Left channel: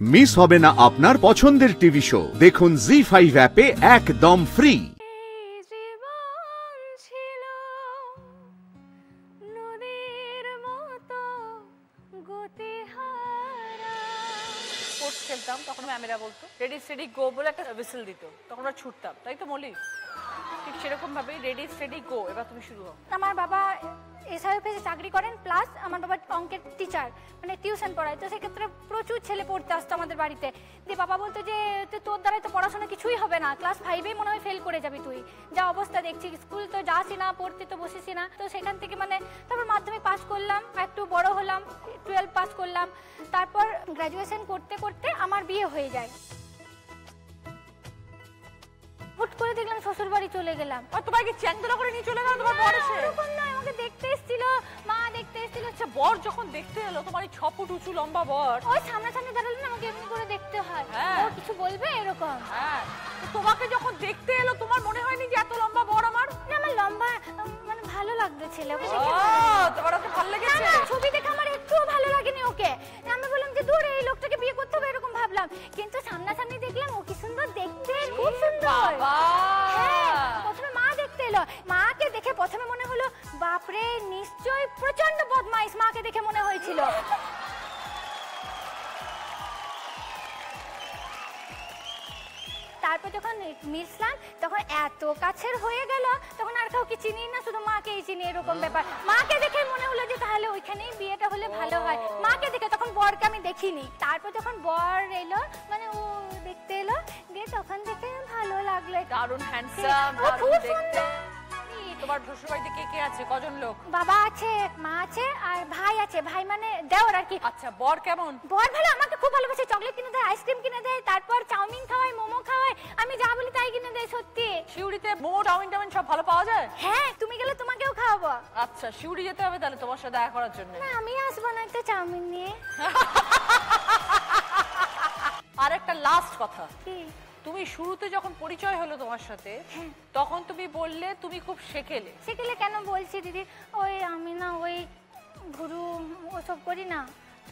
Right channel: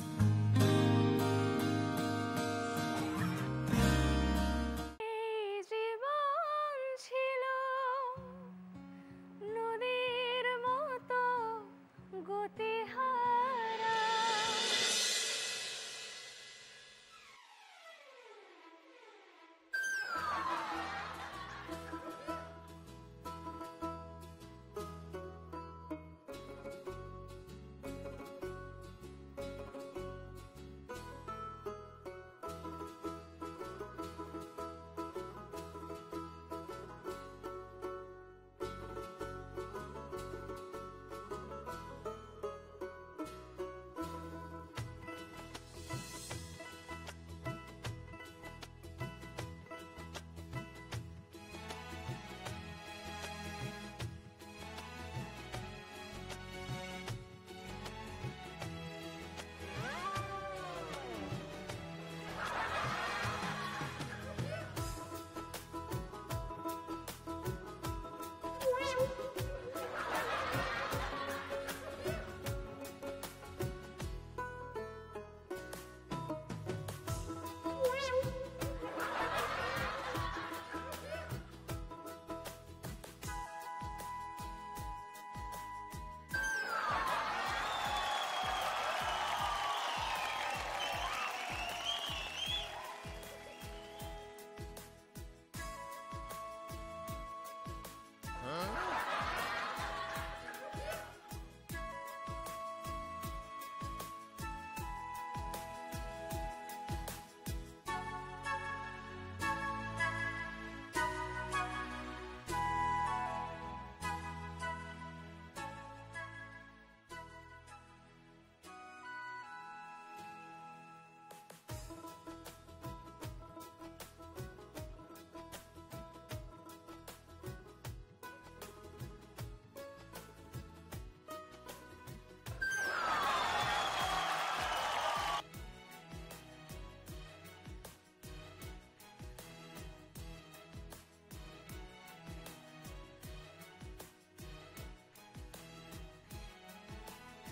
Miss হবে না আপনার পছন্দের টিভি শো, দেখুন জি5 অ্যাপে একদম ফ্রি। তখন ম্যামেরা বলতো রেডি স্টেডি গো বলে একটা হুইসেল দিত, তখন আমরা ছুটতাম, তাই তো মলি? ঠিক সেরকম ভাবে রেডি স্টেডি গো, এবার তুমি শুরু হও। আমার বাবা এসআইএফে চাকরি করেন, প্লাস আমার বাবা অঙ্কের টিচার, মানে টিউশন পড়ায়, তো সেক্ষেত্রে প্রচুর ছেলে পড়তে আসতো আমাদের বাড়িতে। দিয়ে বাবা বলতো যে তোর দ্বারা তো পড়াশোনা কিছুই হবে না, ক্লাস 5-এই মনে হয় ফেল করে যাবি তুই, যা অবস্থা দেখছি, স্কুল তো যাসই না, পড়তে তো বসেছি না। তো সেখান থেকে মানে তারপর মাধ্যমিক পাস করলাম, একটু বড় হলাম, 12 পাস করলাম, তারপর গ্র্যাজুয়েশন করতে করতে আমার বিয়ে হয়ে যায়। হুট করে দেখলাম শ্বশুর বাড়ি চলে গেলাম। আর তোমাকে চ্যাংদোলা করে নিয়ে চলে গেল তোমার বর এসে? এরকম নয়, আমাকে দেখতে এসেছিল, মা দেখতে এসেছিল। আচ্ছা, বর যখন দেখতে এলো, তোমার এই 6 ফুট উঁচু লম্বা বর, ওই সামনাসামনি দাঁড়ালে না আমাকে একটু করে দেখতে হয়, ও কিছু বলবে এরকম। হ্যাঁ, তোমাকে যখন দেখতে এলো তোমার মনে হয়নি যে এত লম্বা বর আমার? না, আমার লম্বা মানে ভালো লাগতো ছেলে। ও, তোমার তো ভালো লেগেছে? না, ছবি দেখে আমার একটু ভালো লাগেনি ওকে। আমি বললাম যে দূর, এই লোকটাকে বিয়ে করতে হবে এরকম ভাবলাম, কিন্তু সামনাসামনি দেখলাম ও কি সুন্দর দেখতে, খুব সুন্দর। বাবা, প্রথমে মা দেখতে এলো, মাকে দেখে প্রথমে মনে হলো বাপরে নিশ্চয়ই প্রচন্ড বদমাইশ, মাকে দেখে মনে হয়েছিল। তারপর যখন মিশলাম তখন এত কাছের হয়ে গেল, তখন আর কাউকে চিনি না, শুধু মাকেই চিনি, এরকম ব্যাপার। মাকে দেখে মনে হলো যে তাহলে ওইখানেই বিয়েটা হলে ভালো হয়, মাকে দেখে। তখন বরকে আমি দেখিনি। তারপর যখন বর এলো, মানে ও দেখতে এলো, দিয়ে তখন দেখে ভালো লাগলো। দারুণ হ্যান্ডসাম, খুব সুন্দর। তোমার শ্বশুর বাড়িতে কে কে আছে, কজন লোক? বাবা আছে, মা আছে, আর ভাই আছে। ভাই মানে দেওর আর কি। আচ্ছা, বর কেমন? বর ভালো, আমাকে খুব ভালোবাসে, চকলেট কিনে দেয়, আইসক্রিম কিনে দেয়, তারপর চাউমিন খাওয়ায়, মোমো খাওয়ায়, আমি যা বলি তাই কিনে দেয়। সত্যি শিউড়িতে মোমো, চাউমিন টাউমিন সব ভালো পাওয়া যায়? হ্যাঁ, তুমি গেলে তোমাকেও খাওয়াবো। আচ্ছা, শিউড়ি যেতে হবে তাহলে তোমার সাথে দেখা করার জন্য। না, আমি আসবো না একটা চাউমিন নিয়ে। আর একটা লাস্ট কথা, কি? তুমি শুরুতে যখন পরিচয় হলো তোমার সাথে, তখন তুমি বললে তুমি খুব শেখেলে। সেগুলো কেন বলছি দিদি, ওই আমি না ওই গুরু ওসব করি না,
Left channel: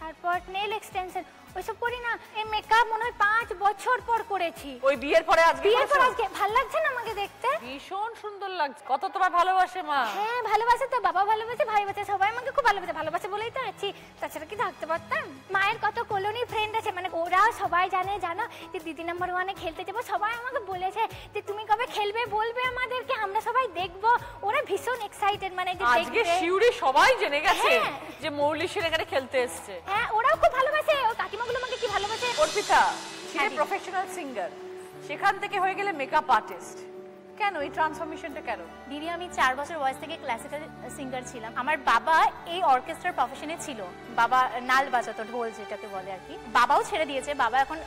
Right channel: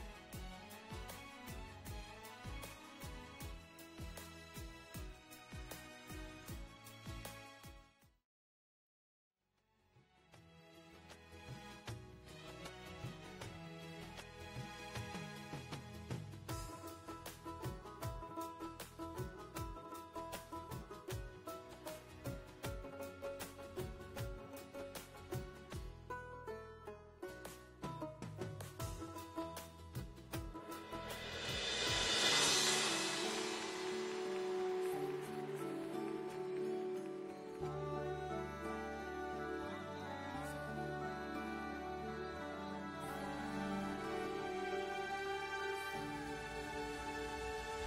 তারপর নেল এক্সটেনশন ওইসব করি না, এই মেকআপ মনে হয় 5 বছর পর করেছি। ওই বিয়ের পরে আজকে? বিয়ের পর আজকে। ভালো লাগছে না আমাকে দেখতে? ভীষণ সুন্দর লাগছে। কত তোমার ভালোবাসে মা? হ্যাঁ, ভালোবাসে তো, বাবা ভালোবাসে, ভাই বাসে, সবাই আমাকে খুব ভালোবাসে। ভালোবাসে বলেই তো আছি, তাছাড়া কি থাকতে পারতাম? মায়ের কত কলোনি ফ্রেন্ড আছে, মানে ওরা সবাই জানে, জানো যে দিদি নাম্বার 1-এ খেলতে যাবো। সবাই আমাকে বলেছে যে তুমি কবে খেলবে, বলবে আমাদেরকে, আমরা সবাই দেখবো। ওরা ভীষণ এক্সাইটেড, মানে যে আজকে শিউড়ি সবাই জেনে গেছে হ্যাঁ। যে মৌলি সেন এখানে খেলতে এসেছে। হ্যাঁ, ওরাও খুব ভালোবাসে, ও কাকিমাগুলো আমাকে কি ভালোবাসে। অর্পিতা সে প্রফেশনাল সিঙ্গার, সেখান থেকে হয়ে গেলে মেকআপ আর্টিস্ট, কেন এই ট্রান্সফরমেশনটা কেন? দিদি, আমি 4 বছর বয়স থেকে ক্লাসিক্যাল সিঙ্গার ছিলাম। আমার বাবা এই অর্কেস্ট্রার প্রফেশনে ছিল, বাবা নাল বাজাতো, ঢোল যেটাকে বলে আর কি। বাবাও ছেড়ে দিয়েছে, বাবা এখন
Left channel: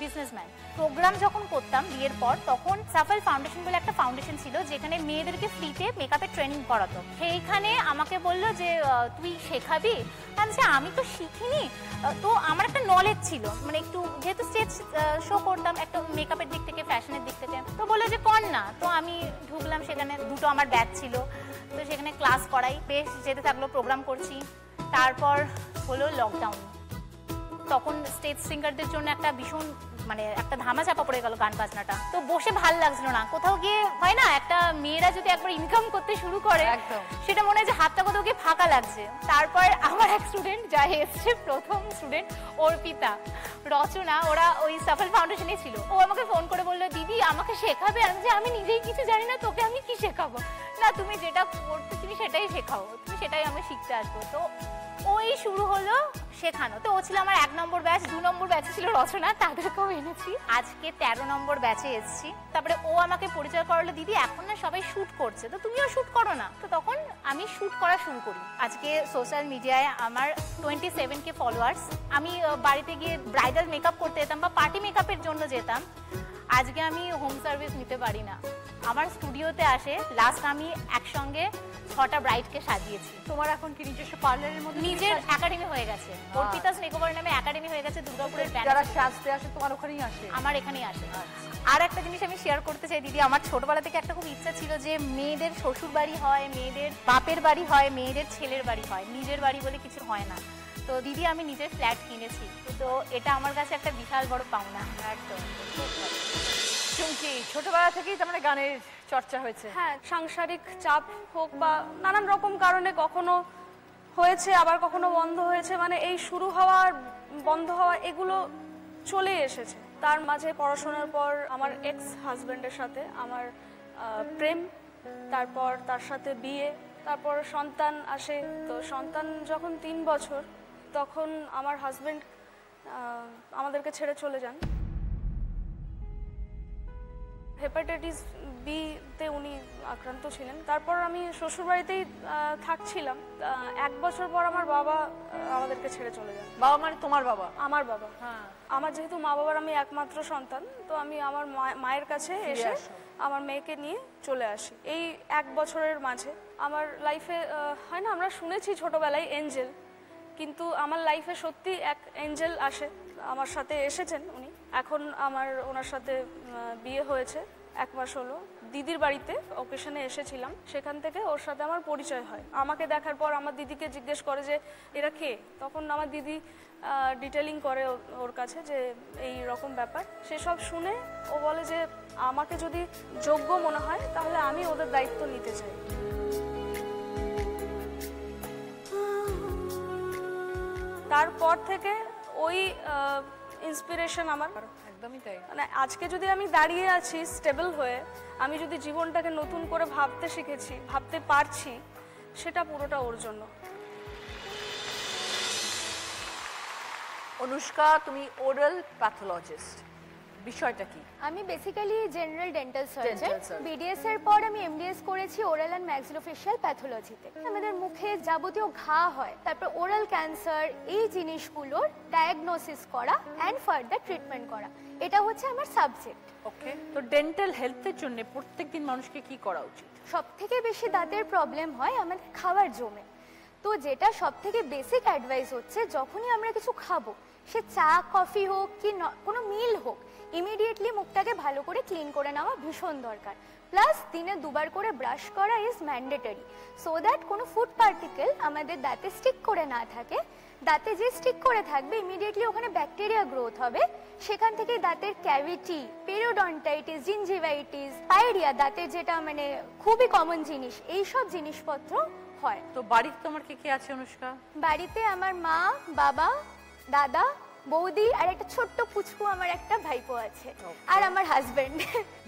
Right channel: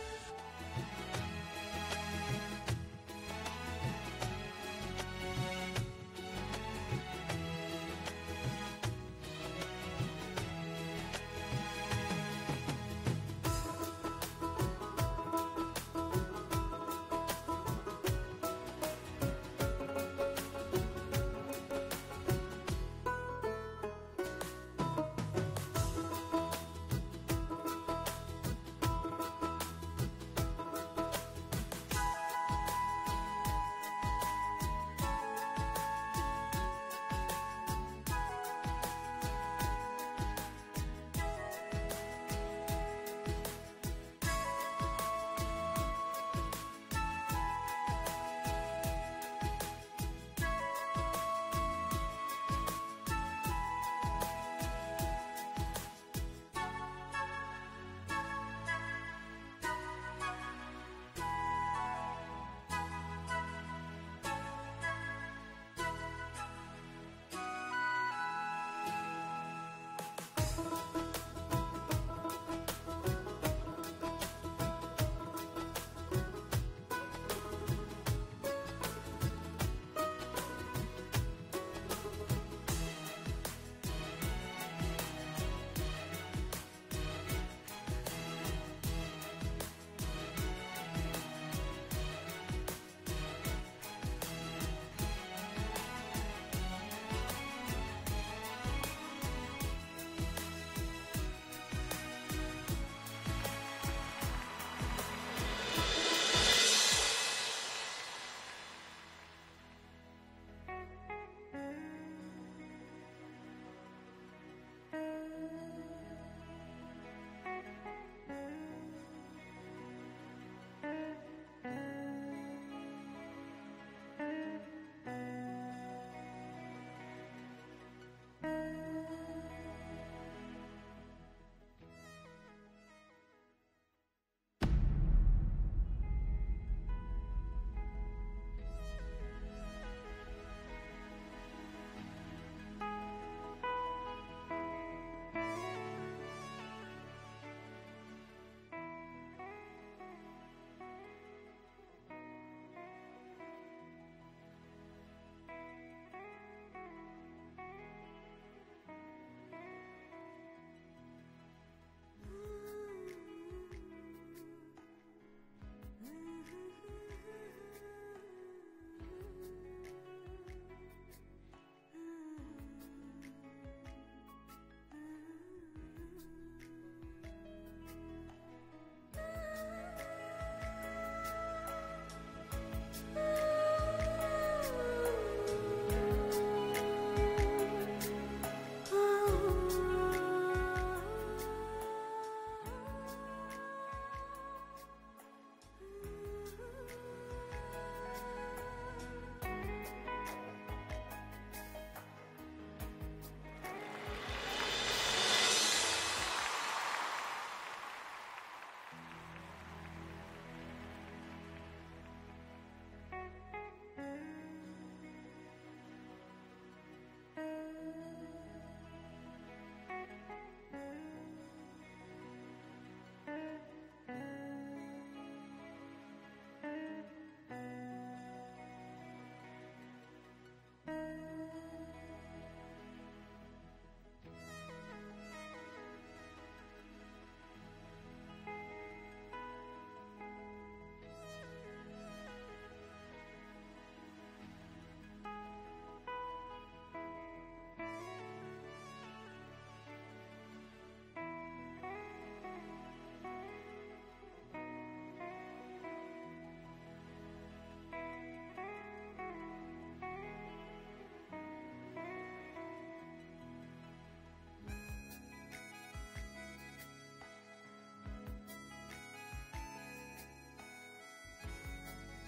বিজনেসম্যান। প্রোগ্রাম যখন করতাম বিয়ের পর, তখন সাফল ফাউন্ডেশন বলে একটা ফাউন্ডেশন ছিল, যেখানে মেয়েদেরকে ফ্রিতে মেকআপের ট্রেনিং করাতো। সেইখানে আমাকে বললো যে তুই শেখাবি। আমি তো শিখিনি, তো আমার একটা নলেজ ছিল, মানে একটু যেহেতু স্টেজ শো করতাম একটা মেকআপের দিক থেকে, ফ্যাশনের দিক থেকে, তো বললো যে কর না। তো আমি ঢুকলাম, সেখানে 2টো আমার ব্যাচ ছিল, তো সেখানে ক্লাস করাই, বেশ যেতে থাকলো, প্রোগ্রাম করছি। তারপর হলো লকডাউন, তখন স্টেজ সিঙ্গারদের জন্য একটা ভীষণ মানে একটা ধামা চাপা পড়ে গেল গান বাজনাটা। তো বসে ভাল লাগছিল না, কোথাও গিয়ে হয় না একটা মেয়েরা যদি একবার ইনকাম করতে শুরু করে, সেটা মনে হয় যে হাতটা কোথাও গিয়ে ফাঁকা লাগছে। তারপর আমার এক স্টুডেন্ট যা এসছে, প্রথম স্টুডেন্ট অর্পিতা, রচনা, ওরা ওই সাফল ফাউন্ডেশনে ছিল। ও আমাকে ফোন করে বললো, দিদি আমাকে শেখাবে? আমি নিজেই কিছু জানি না, তোকে আমি কি শেখাবো? না, তুমি যেটা করছো তুমি সেটাই শেখাও, তুমি সেটাই আমি শিখতে আসবো। তো ওই শুরু হলো শেখানো। তো ও ছিল আমার 1 নম্বর ব্যাচ। 2 নম্বর ব্যাচে ছিল রচনা, তাদেরকেও এনেছি। আজকে 13 নম্বর ব্যাচে এসেছি। তারপরে ও আমাকে পরিচয় করালো, দিদি এখন না সবাই শ্যুট করছে, তো তুমিও শ্যুট করো না। তো তখন আমি শ্যুট করা শুরু করি। আজকে সোশ্যাল মিডিয়ায় আমার 27K ফলোয়ার্স। আমি বাড়িতে গিয়ে ব্রাইডাল মেকআপ করতে যেতাম বা পার্টি মেকআপের জন্য যেতাম, আজকে আমি হোম সার্ভিস নিতে পারি না। আমার স্টুডিওতে আসে, লাস্ট আমি একসঙ্গে 6টা ব্রাইডকে সাজিয়েছি। তোমার এখন কি নিজস্ব পার্লারের মধ্যে নিজের একাডেমি হয়ে গেছে, অর্পিতাস মেকওভার নামে একাডেমি হয়ে গেছে দুর্গাপুরের। যারা সাজতে আসে তোমার ওখানেই আসে? আমার এখানেই আসে। আর একটা জিনিস আমি শেয়ার করতে চাই দিদি, আমার ছোটবেলা থেকে একটা খুব ইচ্ছা ছিল যে মেয়েদের শ্বশুর বাড়ি হয়, মেয়েদের বাপের বাড়ি হয়, মেয়েদের ছেলের বাড়ি হয়, নিজের বাড়ি বলে কিছু হয় না। তো তো দিদি আমি নিজের ফ্ল্যাট কিনেছি, তো এটা আমার কাছে একটা বিশাল বড় পাওনা। শুনছি ছোটবেলা থেকেই তার মানে গানের চর্চা হয়েছে। হ্যাঁ, সাংসারিক চাপ হোক বা নানান রকম কারণে কখনো হয়েছে, আবার কখনো বন্ধ হয়েছে, মানে এই শুরু হওয়া আর বন্ধ হওয়া এগুলো চলে এসেছে। তার মাঝে পড়াশোনার পর আমার এক্স হাজব্যান্ডের সাথে আমার প্রেম, তারপর তার সাথে বিয়ে, তারপর সন্তান আসে। তো সন্তান যখন 3 বছর, তখন আমার হাজব্যান্ড আমাদেরকে ছেড়ে চলে যান। হেপাটাইটিস বিতে উনি আক্রান্ত ছিলেন। তারপর আমি শ্বশুরবাড়িতেই থাকছিলাম। 1 বছর পর আমার বাবা আমাদেরকে ছেড়ে চলে যান। বাবা মানে তোমার বাবা? আমার বাবা। হ্যাঁ। আমার যেহেতু মা বাবার আমি একমাত্র সন্তান, তো আমি আমার মায়ের কাছে এসে আমার মেয়েকে নিয়ে চলে আসি। এই 1 বছরের মাঝে আমার লাইফে হয় না, আমরা শুনেছি ছোটবেলায় এঞ্জেল, কিন্তু আমার লাইফে সত্যি এক এঞ্জেল আসে, আমার সাথে এসেছেন উনি। এখন আমার ওনার সাথে বিয়ে হয়েছে, 1 মাস হলো। দিদির বাড়িতে অকেশনে এসেছিলাম, সেখান থেকে ওর সাথে আমার পরিচয় হয়। আমাকে দেখার পর আমার দিদিকে জিজ্ঞেস করে যে এরা কে। তখন আমার দিদি ডিটেলিং করে ওর কাছে যে এই রকম ব্যাপার। সেসব শুনে ও বলে যে আমাকে যদি যোগ্য মনে হয় তাহলে আমি ওদের দায়িত্ব নিতে চাই। তারপর থেকে ওই ইন্সপিরেশন আমার। একদমই তাই। মানে আজকে যদি আমি দাঁড়িয়ে আছি স্টেবল হয়ে, আমি যদি জীবনটাকে নতুন করে ভাবতে শিখেছি, ভাবতে পারছি, সেটা পুরোটা ওর জন্য। অনুষ্কা, তুমি ওরাল প্যাথোলজিস্ট, বিষয়টা কি? আমি basically general dental surgeon. surgeon। BDS এর পর আমি এমডিএস করেছি ওরাল অ্যান্ড ম্যাক্সিলোফেশিয়াল প্যাথোলজিতে। আমাদের মুখে যাবতীয় ঘা হয়, তারপর ওরাল ক্যান্সার, এই জিনিসগুলোর ডায়াগনোসিস করা অ্যান্ড ফার্দার ট্রিটমেন্ট করা, এটা হচ্ছে আমার সাবজেক্ট। ওকে, তো ডেন্টাল হেলথের জন্য প্রত্যেকদিন মানুষকে কি করা উচিত? সব থেকে বেশি দাঁতের প্রবলেম হয় আমাদের খাবার জমে। তো যেটা সব থেকে বেসিক অ্যাডভাইস হচ্ছে, যখনই আমরা কিছু খাবো, সে চা কফি হোক কি কোনো মিল হোক, ইমিডিয়েটলি মুখটাকে ভালো করে ক্লিন করে নেওয়া ভীষণ দরকার। প্লাস দিনে 2 বার করে ব্রাশ করা ইজ ম্যান্ডেটরি, সো দ্যাট কোনো ফুড পার্টিকেল আমাদের দাঁতে স্টিক করে না থাকে। দাঁতে যে স্টিক করে থাকবে, ইমিডিয়েটলি ওখানে ব্যাকটেরিয়া গ্রোথ হবে, সেখান থেকে দাঁতের ক্যাভিটি, পেরিওডন্টাইটিস, জিঞ্জিভাইটিস, পাইরিয়া, দাঁতের যেটা মানে খুবই কমন জিনিস, এই সব জিনিসপত্র হয়। তো বাড়িতে তোমার কে কে আছে অনুষ্কা? বাড়িতে আমার মা, বাবা, দাদা, বৌদি আর একটা ছোট্ট পুচকু আমার একটা ভাইপো আছে, আর আমার হাজবেন্ড।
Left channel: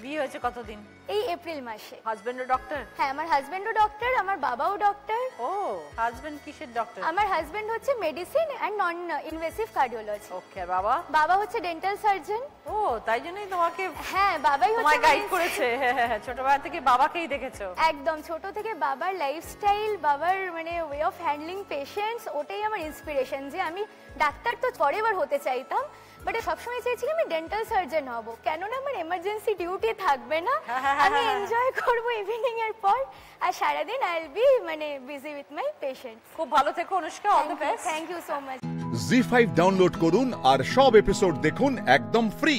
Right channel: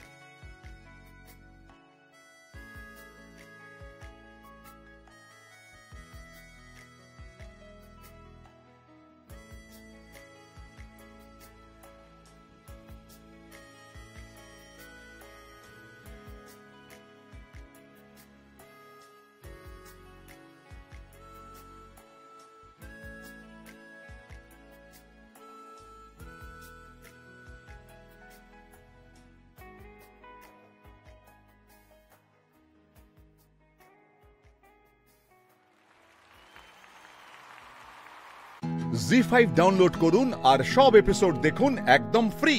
বিয়ে হয়েছে কতদিন? এই এপ্রিল মাসে। হাজবেন্ডও ডক্টর? হ্যাঁ, আমার হাজবেন্ডও ডক্টর, আমার বাবাও ডক্টর। ও, হাজবেন্ড কিসের ডক্টর? আমার হাজবেন্ড হচ্ছে medicine and non invasive cardiology. Okay, আর বাবা? বাবা হচ্ছে ডেন্টাল সার্জন। ও, তাই জন্যই তোমাকে হ্যাঁ, বাবাই তোমায় হচ্ছে গাইড করেছে। ছোটবেলা থেকে বাবাকেই দেখেছো? একদম, ছোট থেকে বাবার লাইফস্টাইল, বাবার মানে ওয়ে অফ হ্যান্ডলিং পেশেন্টস, ওটাই আমার ইন্সপিরেশন। যে আমি ডাক্তার তো পরেবার হতে চাইতাম, বাট সবসময় চাইছিলাম আমি ডেন্টাল সার্জন হব, কেননা আমার এমার্জেন্সি ডিউটি থাকবে না, আমি এনজয় করবো ইভিনিং এর পর, আর সারাদিন আই উইল বি মানে বিজি উইথ মাই পেশেন্ট। খুব ভালো থেকো Anushka, all the best. Thank you so much. Zee5 download করুন আর সব এপিসোড দেখুন একদম ফ্রি।